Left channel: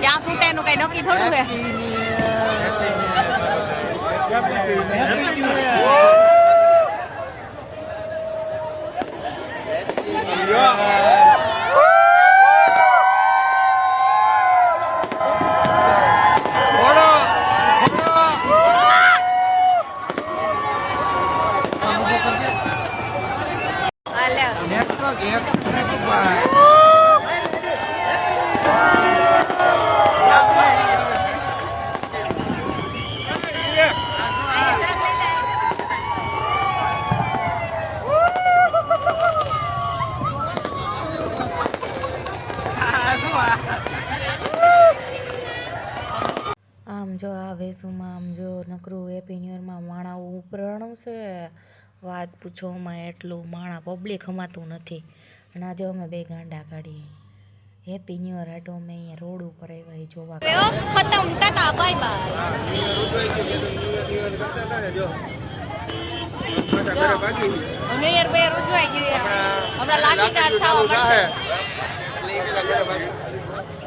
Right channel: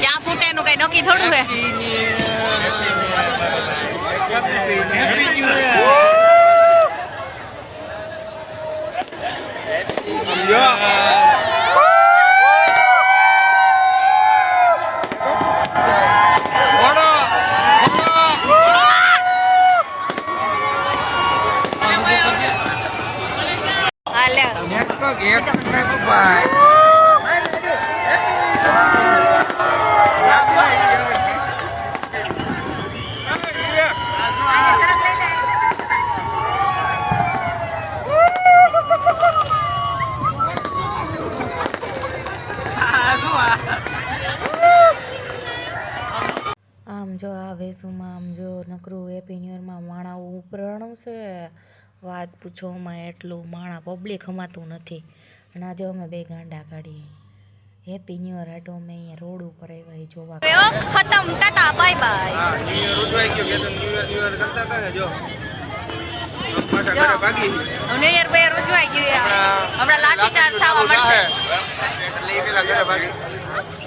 ક્યાં ફૂટે એનું કઈ નક્કી થોડું હે. આમ જો આ વેસુમાં આમ જો નકરું હેપી ન્યુ યરમાં માણા ઉપરાણું છે વાત પૂછોમાં એટલું માણા પબ્લિક હમાતું નથી અને આજે અમે બે ગાંડા કાઢીએ હેપી ન્યુ યર હાટો અમે અહીંયા રોડ ઉપર આવ્યા જોવા ખતમ tata bye bye new year ઉજવાઈ ગયો કે ન્યુ યર કરતા હતા ને જો પાછા ઘરે ભાગી ન્યુ યર બે ઉજવાઈ ગયું હમણાં લાઠી ચાર્જ થવા મળશે એટલે એ પેલા ઘરે ભાગી